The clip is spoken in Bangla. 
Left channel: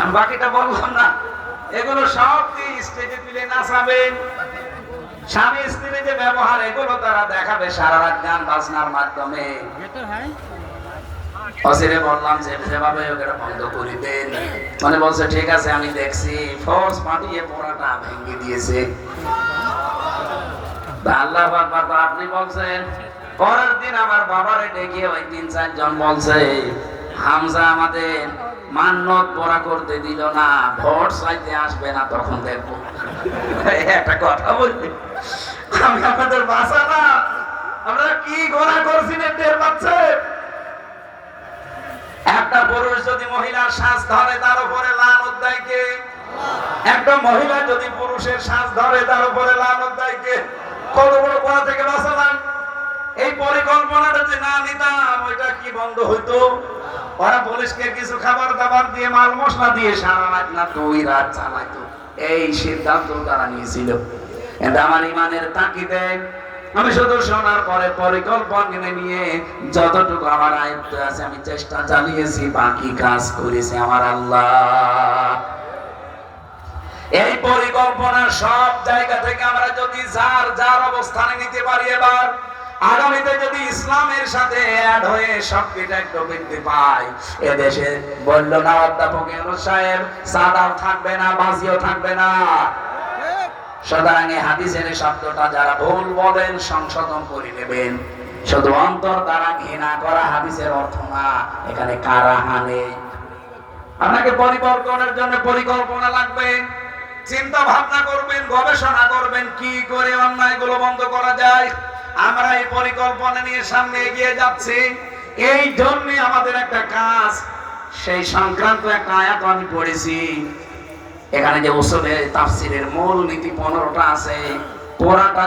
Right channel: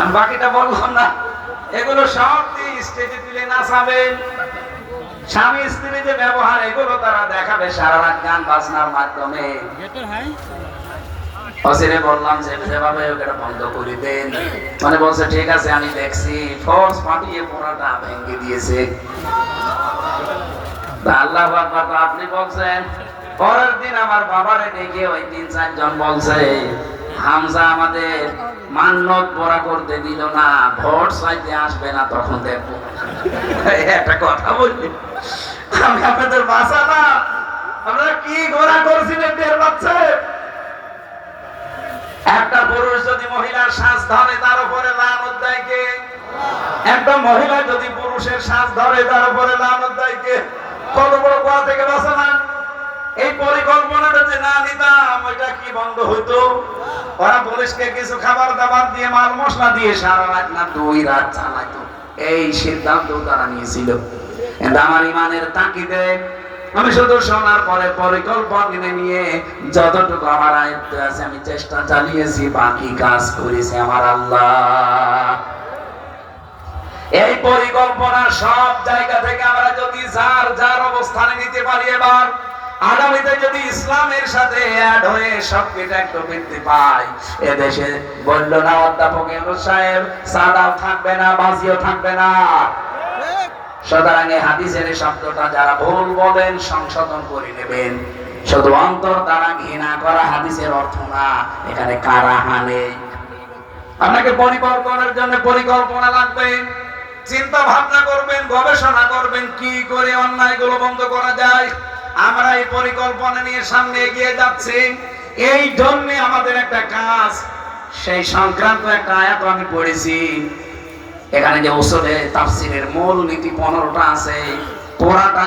আমি বাকিটা বললাম না। এগুলো সব স্টেজে তুলে নাচাবেন। স্বামী স্ত্রী যে ব্যবহার, এগুলো তারা দেখাবে সারা রাত গান বাজনার মাধ্যমে। অসিরে বললাম যে যেভাবে ওটা বন্ধ করে দেন, মানে বলছে ঠিক আছে আমি দেখছি, ফোর্স পাঠিয়ে পড়াটা ভেঙে দিয়েছে। আল্লাহ আকবার। তো আপনি বলছেন। পরের দিন আমার বাবারে ডেকে ওই ৩-৪ জন বলছে, হামজা আমাদের মান্নত পড়া করতে দিল না, ভোট চাইতে আসবে না, তখন দেখবো। একটা কথা বলি, আমি আপনাদের বাসা না, আপনারা কি গোনা করেছিলেন টের পাচ্ছেন? একটা পুরুষ যদি মহিলার শ্বাস ধরে তার উপরে লানত দেয় কে? একটা মহিলা যদি পুরুষের শ্বাস ধরে তার উপরে লানত দেয় কে? কত বড় গোনা থেকে বাঁচে না? এই পরিকল্পনাটা যে না নিতাম, ওইটা কি বন্ধ হইতো? ওরা পুলিশকে কিছু খাবার দাবার দিয়ে, মাল মশলা দিয়ে সারা রাত না 2 রাত চালাইতো। এই সিদ্ধান্ত তারা নিয়েছিল। কিন্তু আমার ইমানের তাকিদে আমি শুধু শোনার পরে পরিকল্পনা নিয়ে যতটুকু আমার আয়ত্তে আছে আমি চেষ্টা চালিয়েছি, বাকি কাজ করেছে আমার আল্লাহ। এই পরিকল্পনা সব জায়গা থেকে আমরা যদি যার যার অবস্থানে নিতে পারি, এবার আগামীতে যদি ইসলামের সাথে অ্যাড হয়ে সবকিছু একটু বৃদ্ধি পায়, এদেশে বলল না অধ্যাপক ইউনূস সাহেব, সাদাও থাকবে না, বাজিও থাকবে না। সুতরাং এই হাদিসের শব্দটা যারা ভুল বলেন সংশোধন করে নেবেন। শুধু অন্তর দ্বারা ঘৃণা করা হাদিসের অর্থ না, এখানে কারাহা নেই। আপনাকে পরিকল্পনার জন্য পরিকল্পনা লাগবে, চিন্তা ভাবনা করবেন, গবেষণা করবেন কি করে অন্যায়গুলো বন্ধ করা যায়। আমরা এই পরিকল্পনা নিয়ে সামনে এগিয়ে যাচ্ছি। এই জন্য আমাদের একটা কাজ, সেই সংক্রান্ত একটা আয়াত আমি পড়েছি। এখানে যে উসুলে তাফসীরের মূল নীতি 15টা আছে, পুরাটা